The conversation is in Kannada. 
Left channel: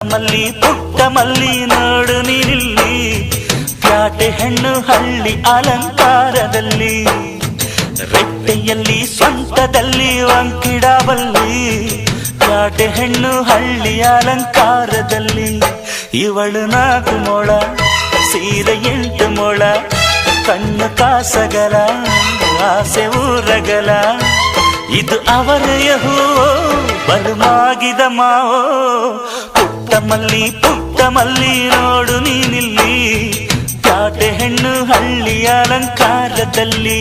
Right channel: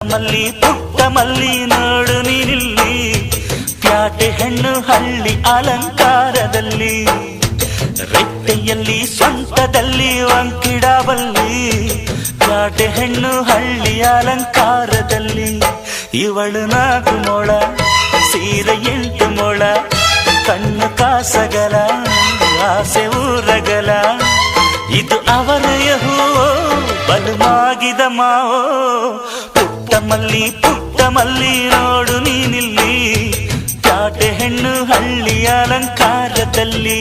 ಮಲ್ಲಿ ಪುಟ್ಟ ಮಲ್ಲಿ ನೋಡು ನೀನಿಲ್ಲಿ, ಪ್ಯಾಟೆ ಹೆಣ್ಣು ಹಳ್ಳಿ ಅಲಂಕಾರದಲ್ಲಿ, ರೆಟ್ಟೆಯಲ್ಲಿ ಸ್ವಂತದಲ್ಲಿ ವಂಕಿಡಬಲ್ಲಿ, ಪ್ಯಾಟೆ ಹೆಣ್ಣು ಹಳ್ಳಿ ಅಲಂಕಾರದಲ್ಲಿ. ಇವಳು 4 ಮೊಳ ಸೀರೆ 8 ಮೊಳ, ಕಣ್ಣು ಕಾಸಗಲ ಆಸೆ ಊರಗಲ, ಇದು ಅವರೆಯ ಹೂವೋ ಬಲು ಮಾಗಿದ ಮಾವೋ. ಪುಟ್ಟ ಮಲ್ಲಿ ನೋಡು ನೀನಿಲ್ಲಿ, ಪ್ಯಾಟೆ ಹೆಣ್ಣು ಹಳ್ಳಿ ಅಲಂಕಾರದಲ್ಲಿ.